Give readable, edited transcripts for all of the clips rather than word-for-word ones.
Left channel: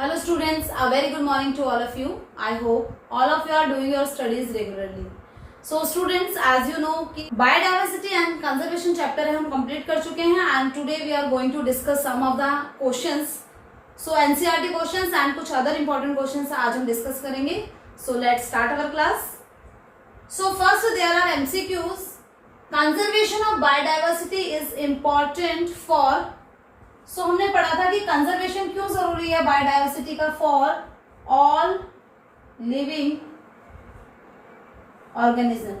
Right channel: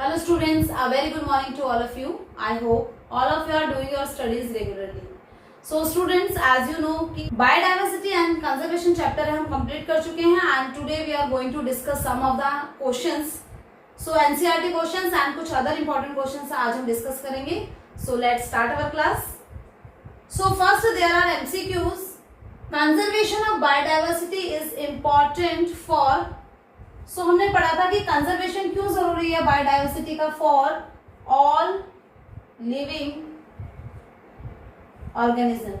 Hello students, a very good morning to all of you. I hope all of you are doing your studies regularly. So students, as you know कि biodiversity and conservation chapter हम complete कर चुके हैं and today we are going to discuss some of the questions. So NCERT questions and कुछ other important questions आज हम discuss करेंगे. So let's start our class. So first there are MCQs. Conservation of biodiversity is important for सो हमने पढ़ा था कि conservation क्यों जरूरी है बायोडाइवर्सिटी का for all living organism.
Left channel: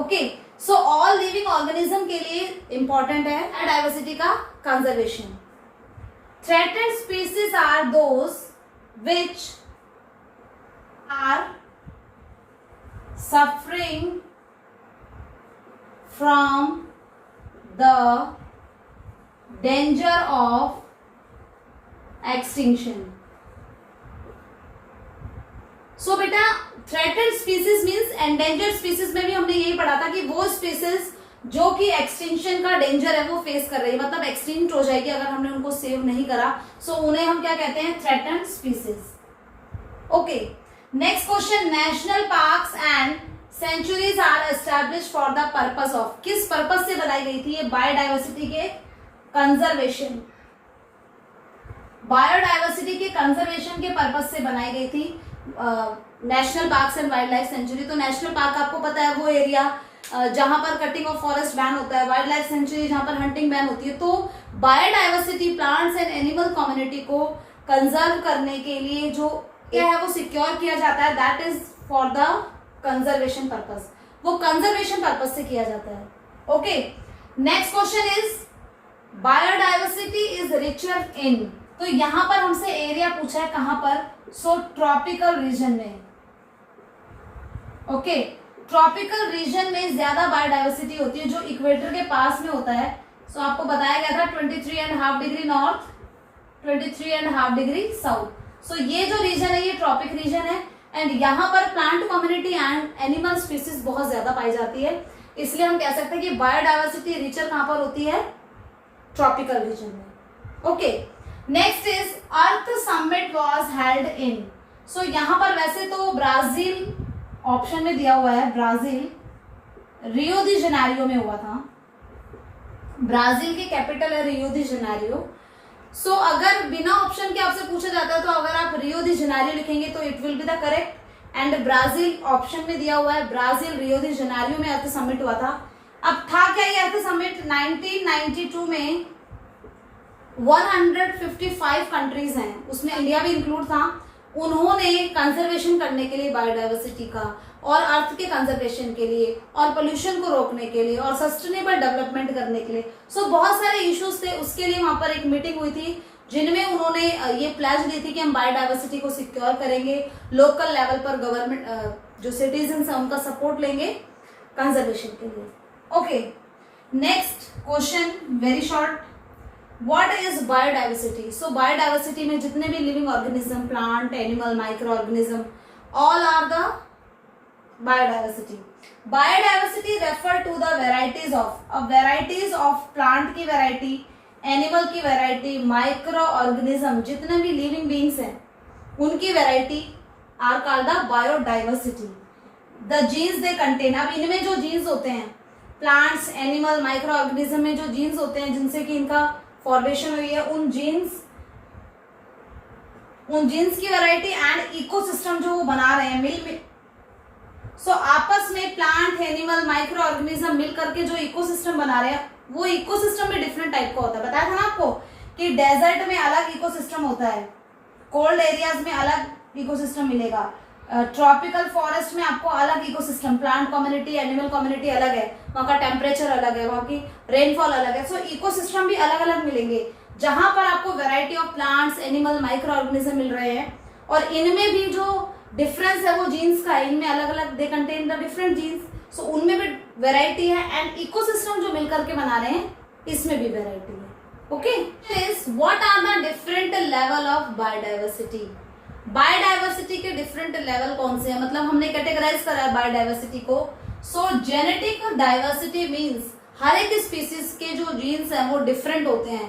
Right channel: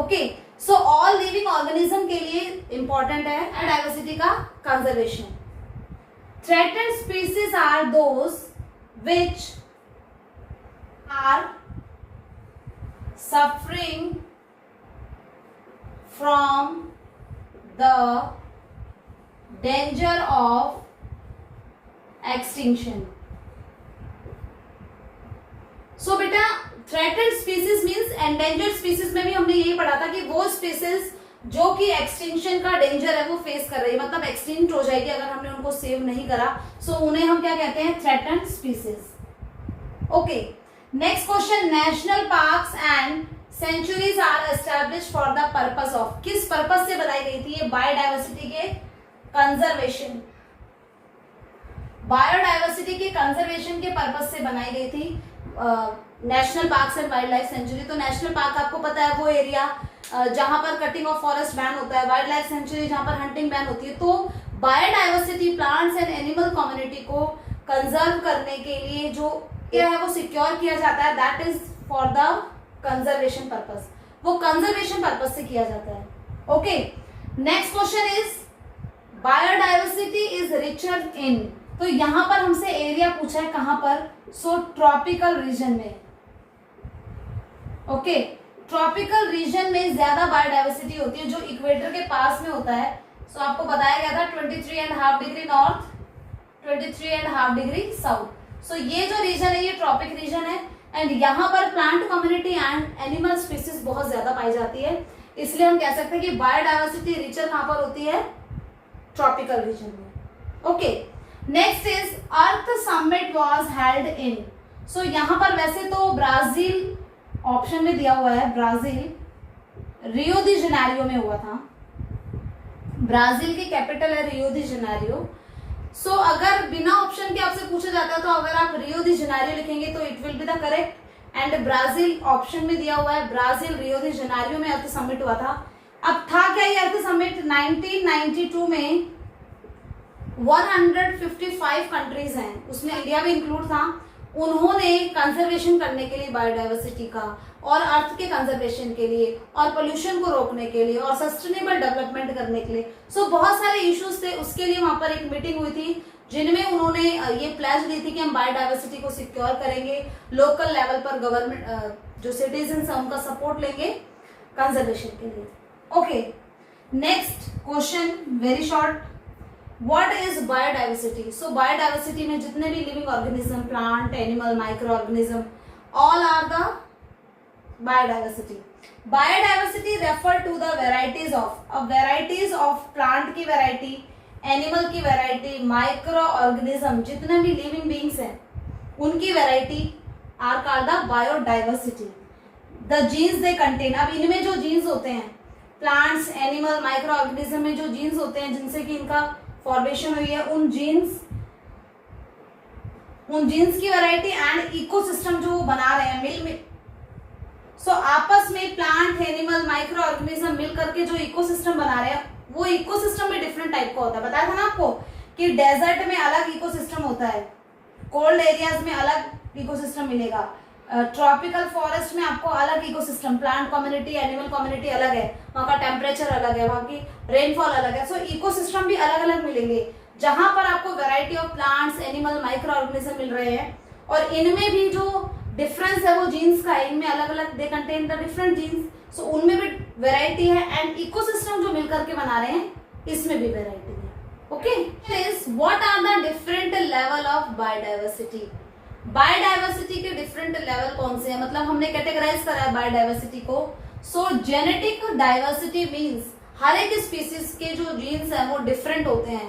Okay, so all living organism के लिए इंपॉर्टेंट है बायोडाइवर्सिटी का conservation. Threatened species are those which are suffering from the danger of extinction. So बेटा threatened species means endangered species में भी हमने यही पढ़ा था कि वो species जो कि extinction का danger है वो face कर रही है, मतलब extinct हो जाएगी अगर हमने उनको save नहीं करा. So उन्हें हम क्या कहते हैं? threatened species. Okay, next question. National parks and sanctuaries are establish for the purpose of, किस पर्पस से बनाई गई थी ये बायोडाइवर्सिटी के कंजर्वेशन. बायोडाइवर्सिटी के कंजर्वेशन के पर्पस से बनाई गई थी national parks and wildlife sanctuary. तो नेशनल पार्क आपको पता है वो एरिया जहां पर कटिंग ऑफ फॉरेस्ट बैन होता है, वाइल्ड लाइफ सेंचुरी जहां पर हंटिंग बैन होती है. तो biodiversity plants and animal community को कंजर्व करने के लिए जो क्या है वो सिक्योर किया जाता है, that is for the conservation purpose. वो कंजर्वेशन पर्पस से किया जाता है. Okay, next question is biodiversity is richer in. तो यहां पर हमसे एरिया पूछा है कहां पर? सो ट्रॉपिकल रीजन में. ओके, ट्रॉपिकल रीजन में ज्यादा बायोडाइवर्सिटी होती है जो इक्वेटर के पास में होता है. सो आपको बताया गया था 23.5 डिग्री नॉर्थ, 23.5 डिग्री साउथ. सो ये जो रीजन है ये ट्रॉपिक रीजन है एंड यहाँ पर plant community and animal species बहुत ज्यादा पाई जाती है. इसलिए हम कह सकते हैं कि बायोडाइवर्सिटी रिचर कहां पर होती है? ट्रॉपिकल रीजन में. Okay, next is earth summit was held in. So यहाँ पर वैसे तो ब्राजील ऑप्शन में दिया हुआ है, ब्राजील रियो दी जेनेरियो में हुआ था. ब्राजील की कैपिटल है रियो दी जेनेरियो. सो अगर बिना ऑप्शन के आपसे पूछा जाता है तो अगर आप रियो दी जेनेरियो लिखेंगे तो it will be the correct. And Brazil option में दिया हुआ है, ब्राजील रियो दी जेनेरियो में अर्थ समिट हुआ था. अब था क्या ये अर्थ समिट? 1992 में 155 कंट्रीज हैं, उसमें इंडिया भी इंक्लूड था. उन्होंने कंजर्वेशन करने के लिए बायोडाइवर्सिटी का और अर्थ के कंजर्वेशन के लिए और पोल्यूशन को रोकने के लिए और सस्टेनेबल डेवलपमेंट करने के लिए बहुत सारे इश्यूज थे. उसके लिए वहां पर एक मीटिंग हुई थी जिनमें उन्होंने ये प्लेज दी थी कि हम बायोडाइवर्सिटी को सिक्योर करेंगे, लोकल लेवल पर गवर्नमेंट जो सिटीजन्स है उनका सपोर्ट लेंगे कंजर्वेशन के लिए. Okay, next question very short. What is biodiversity? So biodiversity में जितने भी living organism, plant, animal, microorganism, all are the biodiversity. Biodiversity refer to the varieties of plant की variety, animal की variety, microorganism जितने भी living beings हैं उनकी variety are called the biodiversity. The genes they contain. अब इनमें जो genes होते हैं plants, animal, microorganism में जो genes होते हैं जिनसे कि इनका फॉर्मेशन हुई है, उन जीन्स की वैरायटी एंड इकोसिस्टम जो वो बना रहे हैं मिल में. सो आपस में प्लांट, एनिमल, माइक्रो ऑर्गेनिज्म मिल करके जो इकोसिस्टम बना रहे हैं वो इकोसिस्टम में डिफरेंट टाइप का होता है. बताया था ना आपको कि डेजर्ट में अलग इकोसिस्टम होता है, कोल्ड एरियाज में अलग इकोसिस्टम मिलेगा, ट्रॉपिकल फॉरेस्ट में आपको अलग ecosystem, plant community, animal community अलग है, वहां का टेम्परेचर अलग है, वहां की रेनफॉल अलग है. सो इकोसिस्टम भी अलग अलग मिलेंगे जहां पर आपको variety of plants, animal, micro organism मिल रहे हैं. और इनमें भी जो डिफरेंस है वो जीन्स का है, इनमें अलग अलग they contain the different genes. So उनमें भी वेराइटी है एंड इकोसिस्टम जो मिलकर के बना रहे हैं इसमें भी वेराइटी है. Okay, what are the different level of biodiversity? Biodiversity के डिफरेंट लेवल कौन से हैं, मतलब हमने कैटेगराइज करा है बायोडाइवर्सिटी को. सो जेनेटिक डाइवर्सिटी मीन्स हर एक स्पीसीज के जो जीन्स हैं वो डिफरेंट होते हैं.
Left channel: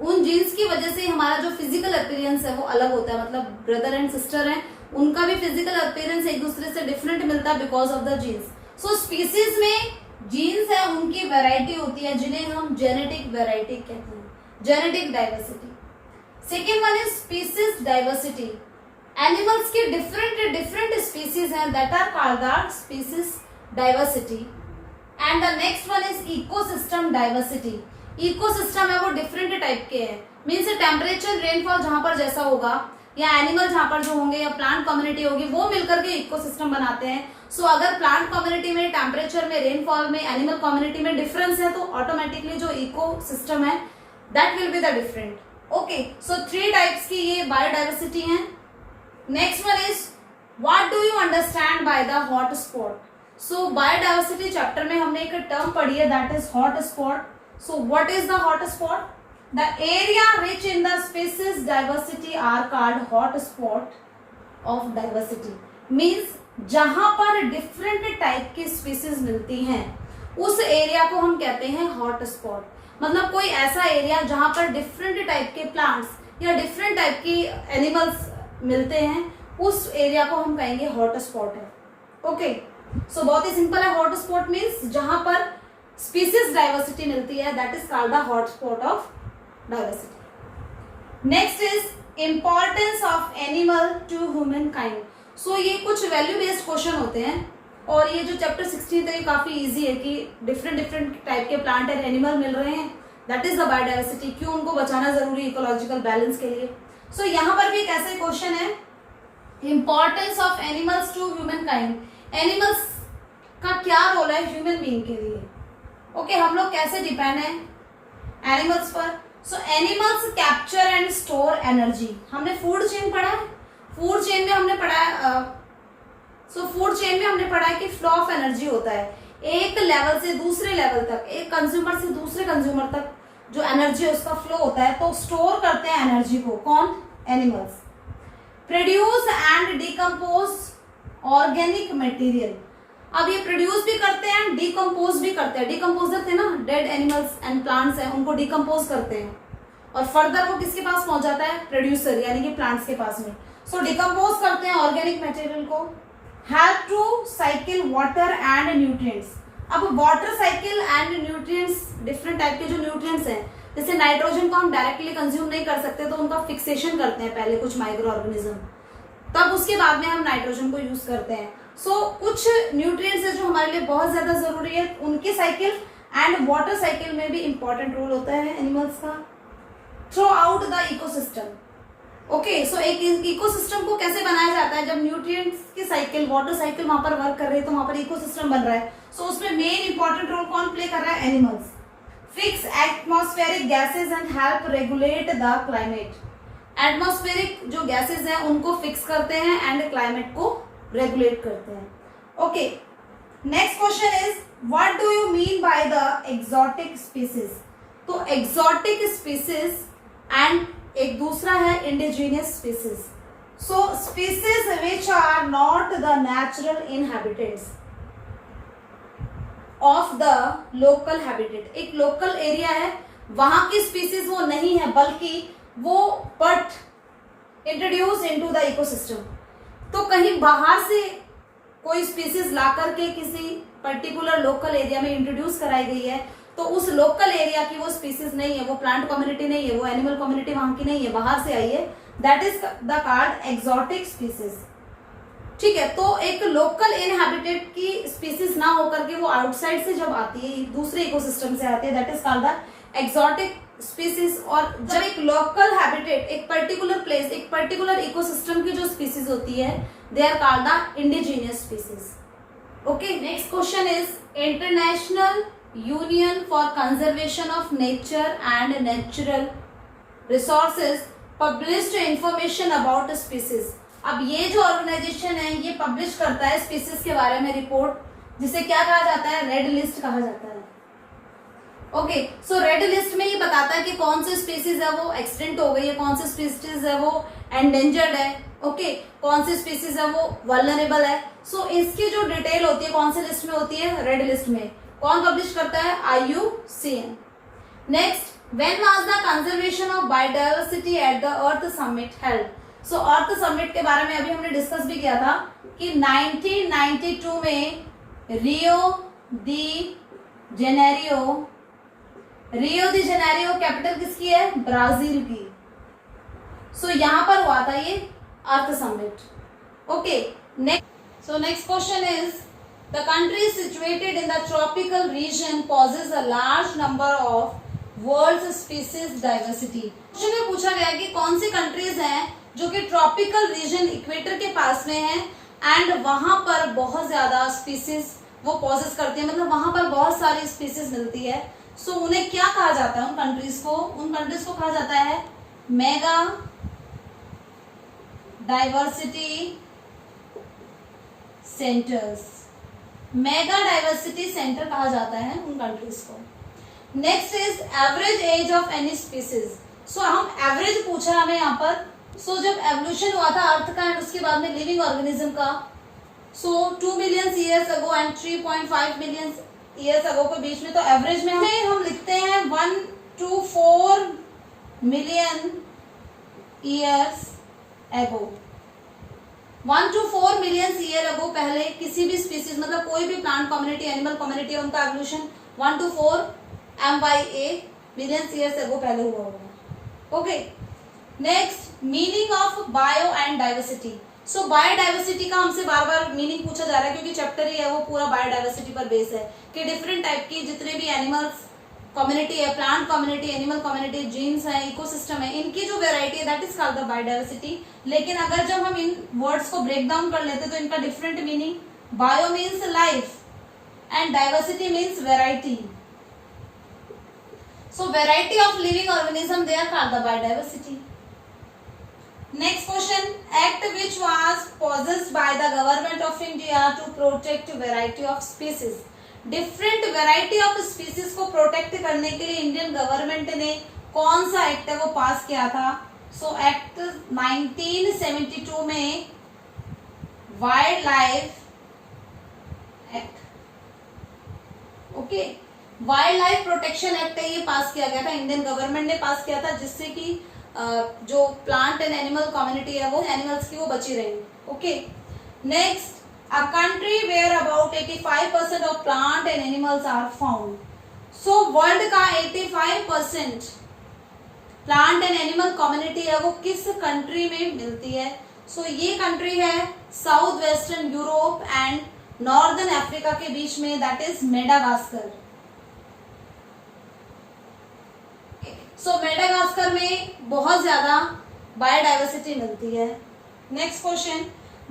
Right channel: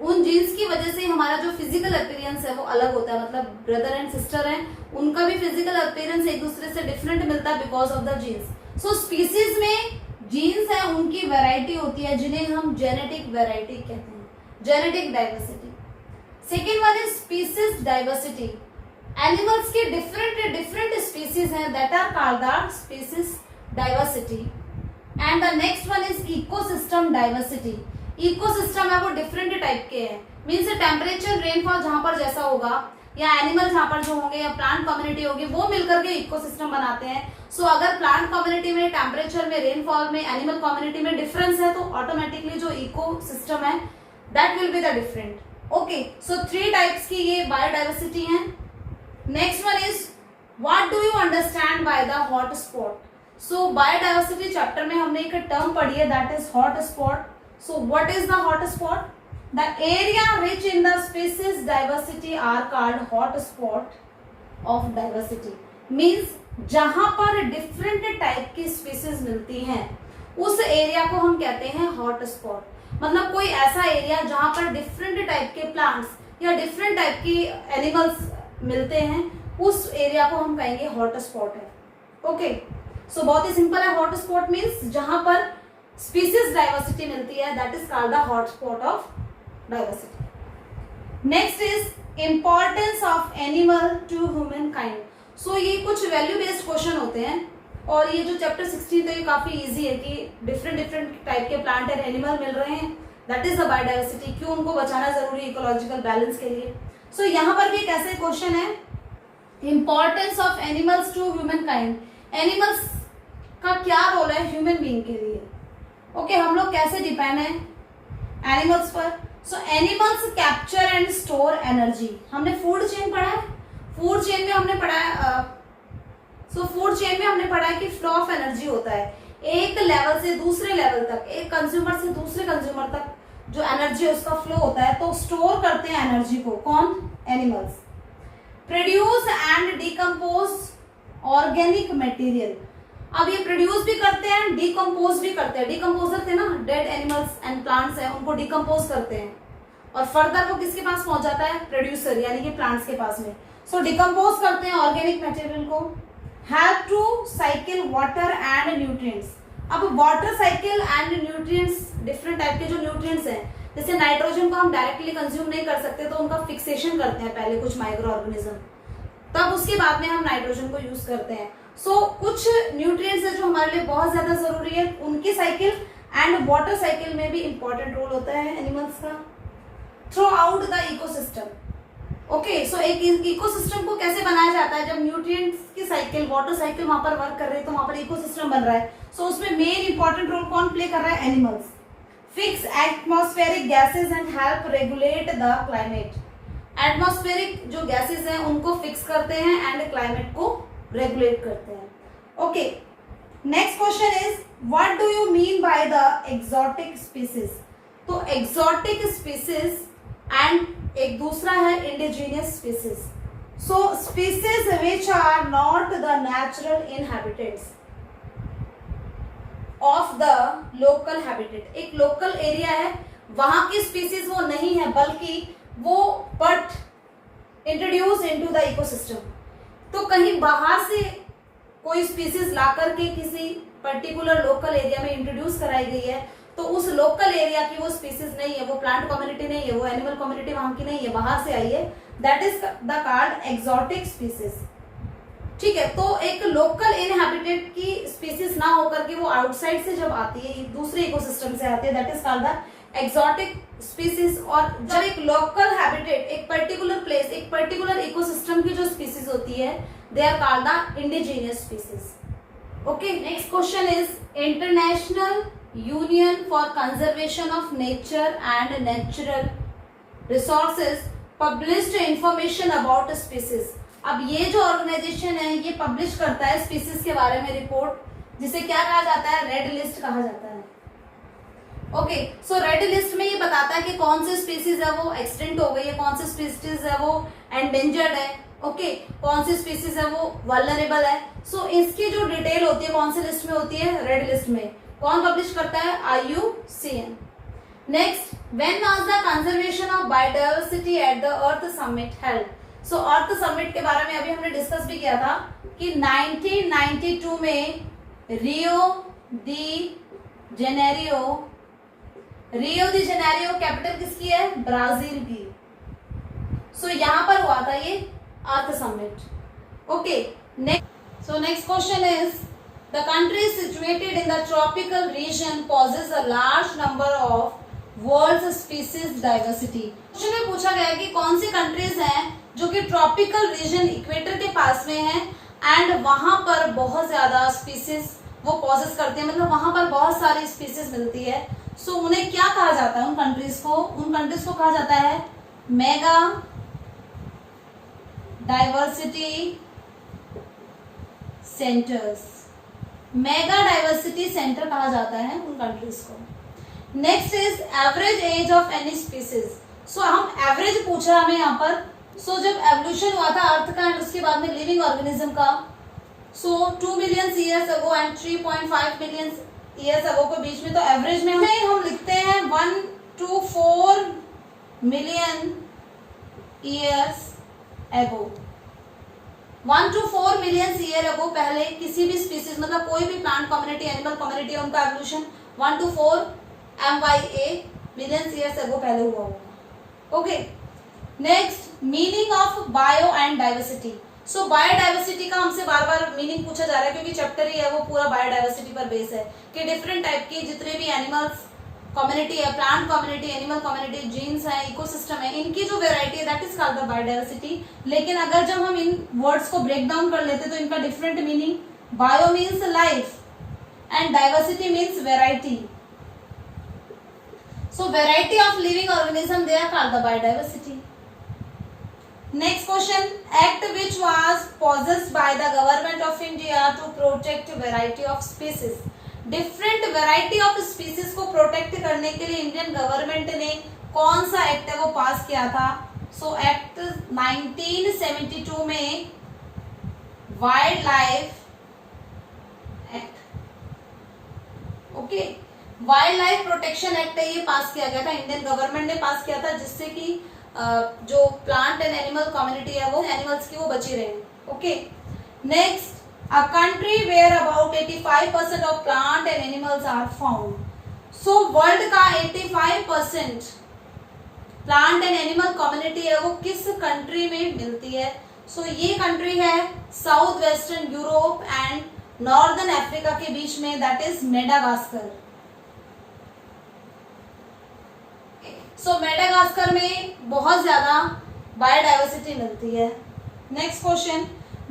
उन जीन्स की वजह से हमारा जो फिजिकल अपीयरेंस है वो अलग होता है, मतलब ब्रदर एंड सिस्टर हैं, उनका भी फिजिकल अपीयरेंस एक दूसरे से डिफरेंट मिलता है because of the genes. So species में जीन्स है उनकी वैरायटी होती है जिन्हें हम जेनेटिक वैरायटी कहते हैं, genetic diversity. Second one is species diversity. Animals की डिफरेंट स्पीसीज हैं that are called the species diversity. And the next one is ecosystem diversity. Ecosystem है वो डिफरेंट टाइप के हैं, मीन्स टेम्परेचर रेनफॉल जहां पर जैसा होगा या एनिमल जहां पर जो होंगे या प्लांट कम्युनिटी होगी वो मिलकर के इकोसिस्टम बनाते हैं। सो अगर प्लांट कम्युनिटी में, टेम्परेचर में, रेनफॉल में, एनिमल कम्युनिटी में डिफरेंस है तो ऑटोमेटिकली जो इकोसिस्टम है that will be the different. Okay, so 3 types की ये बायोडाइवर्सिटी है। Next one is what do you understand by the hot spot. So biodiversity chapter में हमने एक टर्म पढ़ी है that is hot spot. So what is the hot spot? The area rich in the species diversity are called hot spot of diversity. Means जहां पर different type की species मिलती हैं उस एरिया को हम कहते हैं hot spot। मतलब कोई ऐसा एरिया जहां पर different type के plants या different type की animals मिलते हैं उस एरिया को हम कहेंगे hot spot है। ओके, सो बहुत ही सिंपल है, hot spot means जहां पर स्पीसीज डाइवर्सिटी मिलती है that is called the hot spot of diversity. Next is importance of animal to human kind. So ये कुछ वैल्यू बेस्ड क्वेश्चन होते हैं और ये जो चैप्टर 16 है ये काफी इजी है कि डिफरेंट टाइप के प्लांट एंड एनिमल मिल रहे हैं दैट इज द बायोडाइवर्सिटी, क्यों उनको बचाना जरूरी है इकोलॉजिकल बैलेंस के लिए। सो यहाँ पर भी एक ऐसे क्वेश्चन है importance of animals to human kind. Animals का क्या रोल है ह्यूमन बीइंग के लिए। ओके, हम लोग कैसे डिपेंड है एनिमल्स पर। सो animals capture and store energy. हमने फूड चेन पढ़ा है, फूड चेन में हमने पढ़ा है फूड चेन में हमने पढ़ा है कि फ्लो ऑफ एनर्जी होता है एक लेवल से दूसरे लेवल तक, एक कंज्यूमर से दूसरे कंज्यूमर तक जो एनर्जी है उसका फ्लो होता है, तो स्टोर करते हैं एनर्जी को कौन, animals. Produce and decompose organic material. अब ये प्रोड्यूस भी करते हैं, डिकम्पोज भी करते हैं। डिकम्पोजर थे ना, डेड एनिमल्स एंड प्लांट्स हैं उनको डिकम्पोज करते हैं और फर्दर वो किसके पास पहुंच जाता है, प्रोड्यूसर यानी कि प्लांट्स के पास में। सो डिकम्पोज करते हैं ऑर्गेनिक मटेरियल को। Help to cycle water and nutrients. अब water cycle and nutrients, different type के जो न्यूट्रिएंट्स हैं, जैसे नाइट्रोजन को हम डायरेक्टली कंज्यूम नहीं कर सकते तो उनका फिक्सेशन करते हैं पहले कुछ माइक्रो ऑर्गेनिज्म, तब उसके बाद में हम नाइट्रोजन को यूज करते हैं। सो कुछ न्यूट्रिएंट्स है जो हमारे लिए बहुत ज्यादा जरूरी है, उनकी साइकिल एंड वाटर साइकिल में भी इंपॉर्टेंट रोल होता है एनिमल्स का। Throughout the ecosystem. Okay, so एक इकोसिस्टम को कैसे बनाया जाता है, जब न्यूट्रिएंट्स की साइकिल, वाटर साइकिल वहां पर वर्क कर रही है तो वहां पर इकोसिस्टम बन रहा है। सो उसमें मेन इंपॉर्टेंट रोल कौन प्ले कर रहा है, animals. Fix atmospheric gases and help regulate the climate. Atmospheric जो गैसेज हैं उनको फिक्स करते हैं एंड क्लाइमेट को रेगुलेट करते हैं। Okay, next question is what do you mean by the exotic species. तो एक्सोटिक स्पीसीज एंड एक दूसरा है indigenous species. So species which are not the natural inhabitants of the local habitat. एक local area है वहां की species वो नहीं है बल्कि वो but introduce into the ecosystem. तो कहीं बाहर से कोई स्पीसीज ला करके किसी पर्टिकुलर लोकल एरिया में इंट्रोड्यूस कराई गई है तो उस लोकल एरिया की वो स्पीसीज नहीं है, वो प्लांट कम्युनिटी नहीं है, वो एनिमल कम्युनिटी वहां की नहीं है, बाहर से आई है, that is the called exotic species. ठीक है, तो एक लोकल इनहैबिटेट की स्पीसीज ना होकर के वो आउटसाइड से जब आती है, दूसरे इकोसिस्टम से आती है, that is called the exotic species. और जब एक लोकल हैबिटेट, एक पर्टिकुलर प्लेस, एक पर्टिकुलर इकोसिस्टम की जो स्पीसीज होती है, they are called the indigenous species. Okay, next question is International Union for Conservation of Nature and Natural Resources published information about species. अब ये जो ऑर्गेनाइजेशन है ये पब्लिश करता है स्पीसीज के बारे में रिपोर्ट, जिसे क्या कहा जाता है, रेड लिस्ट कहा जाता है। ओके, सो रेड लिस्ट में ये बताता है कि कौन सी स्पीसीज है वो एक्सटिंक्ट हो गई है, कौन सी स्पीसीज है वो एंडेंजर्ड है, ओके, कौन सी स्पीसीज है वो वल्नरेबल है। सो इसकी जो डिटेल होती है कौन सी लिस्ट में होती है, रेड लिस्ट में। कौन पब्लिश करता है, IUCN। Next, when was the conservation of biodiversity at the earth summit held? So earth summit के बारे में अभी हमने डिस्कस भी किया था कि 1992 में रियो दी जेनेरियो कैपिटल किसकी है? ब्राजील की। सो यहां पर हुआ था ये earth summit. Okay, next question is the country situated in the tropical region possess a large number of world species diversity. Question में पूछा गया कि कौन सी कंट्रीज हैं जो कि ट्रॉपिकल रीजन इक्वेटर के पास में है एंड वहां पर बहुत ज्यादा स्पीसीज वो पॉजेस करती है, मतलब वहां पर बहुत सारी स्पीसीज मिलती है। सो उन्हें क्या कहा जाता है? उन कंट्रीज को कहा जाता है mega diversity centres. Mega diversity centre कहा जाता है उन कंट्रीज को। Next is average age of any species. So हम एवरेज पूछा हमें यहाँ पर। सो जब एवोल्यूशन हुआ था अर्थ का एंड उसके बाद में लिविंग ऑर्गेनिज्म का, सो 2 million years ago and 3.5 million years ago के बीच में, तो एवरेज में हम लिखते हैं 1 to 4 million years ago. 1 to 4 million year ago पहले किसी भी स्पीसीज, मतलब कोई भी प्लांट कम्युनिटी, एनिमल कम्युनिटी, उनका evolution 1 to 4 MYA million years ago पहले हुआ होगा। Okay, next, meaning of bio and diversity. So biodiversity का हमसे बार बार मीनिंग पूछा जा रहा है क्योंकि चैप्टर ही है वो पूरा बायोडाइवर्सिटी पर बेस है कि डिफरेंट टाइप की जितने भी एनिमल्स कम्युनिटी है, plant community, animal community, genes है, इकोसिस्टम है, इनकी जो वेराइटी है that is called the biodiversity. लेकिन अगर जब हम इन वर्ड्स को ब्रेक डाउन कर लेते तो इनका different meaning, bio means life and diversity means variety. So variety of living organism they are called the biodiversity. Next question, act which was possessed by the government of India to protect variety of species. Different variety of species को protect करने के लिए Indian government ने कौन सा act है वो पास किया था? So एक्ट 1972 में wild life act. Okay, wild life protection act है, ये पास किया गया था, इंडियन गवर्नमेंट ने पास किया था, जिससे कि जो प्लांट एंड एनिमल कम्युनिटी है वो एनिमल्स की वो बची रहे। Okay, next, a country where about 85% of plant and animals are found. So world का 85% प्लांट एंड एनिमल कम्युनिटी है वो किस कंट्री में मिलती है? सो ये कंट्री है south western Europe and northern Africa के बीच में, that is Madagascar. So Madagascar में बहुत ज्यादा बायोडाइवर्सिटी मिलती है। Next question,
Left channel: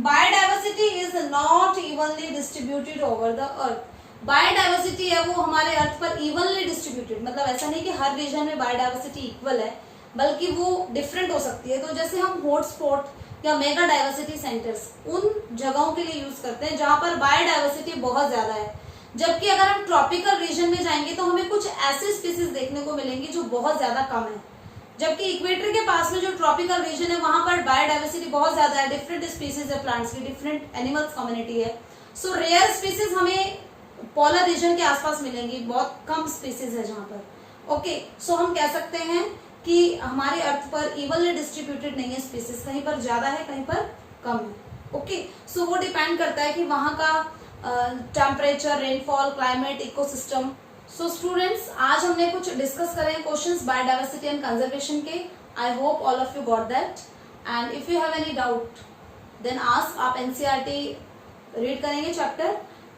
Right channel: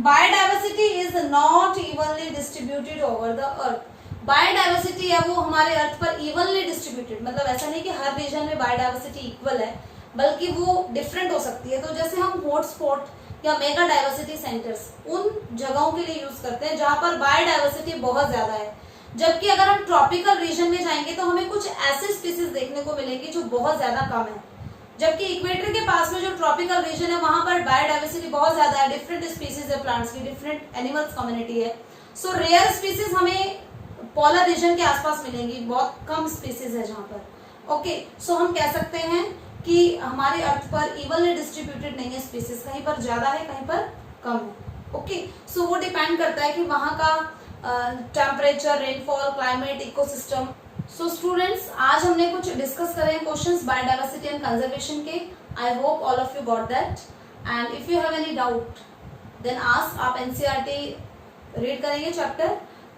biodiversity is not evenly distributed over the earth. Biodiversity है वो हमारे अर्थ पर इवनली डिस्ट्रीब्यूटेड, मतलब ऐसा नहीं कि हर रीजन में बायोडाइवर्सिटी इक्वल है, बल्कि वो डिफरेंट हो सकती है। तो जैसे हम हॉटस्पॉट या मेगा डाइवर्सिटी सेंटर्स उन जगहों के लिए यूज करते हैं जहां पर बायोडाइवर्सिटी बहुत ज्यादा है, जबकि अगर हम ट्रॉपिकल रीजन में जाएंगे तो हमें कुछ ऐसे स्पीसीज देखने को मिलेंगे जो बहुत ज्यादा कम है, जबकि इक्वेटर के पास में जो ट्रॉपिकल रीजन है वहां पर बायोडाइवर्सिटी बहुत ज्यादा है, डिफरेंट स्पीसीज है प्लांट्स की, डिफरेंट एनिमल्स कम्युनिटी है। सो रेयर स्पीसीज हमें पोलर रीजन के आसपास मिलेंगी, बहुत कम स्पीसीज है जहां पर। ओके, सो हम कह सकते हैं कि हमारे अर्थ पर इवनली डिस्ट्रीब्यूटेड नहीं है स्पीसीज, कहीं पर ज्यादा है कहीं पर कम है। ओके, सो वो डिपेंड करता है कि वहां का temperature, rainfall, climate, ecosystem. So students, आज हमने कुछ डिस्कस करे क्वेश्चंस बायोडाइवर्सिटी एंड कंजर्वेशन के। I hope all of you got that, and if you have any doubt then ask. आप एनसीईआरटी रीड करेंगे chapter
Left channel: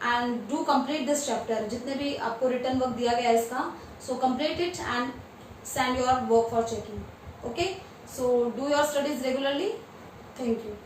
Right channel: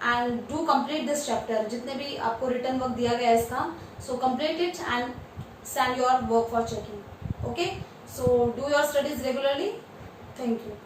and do complete this chapter, जितने भी आपको रिटर्न वर्क दिया गया है इसका, so complete it and send your work for checking. Okay, so do your studies regularly. Thank you.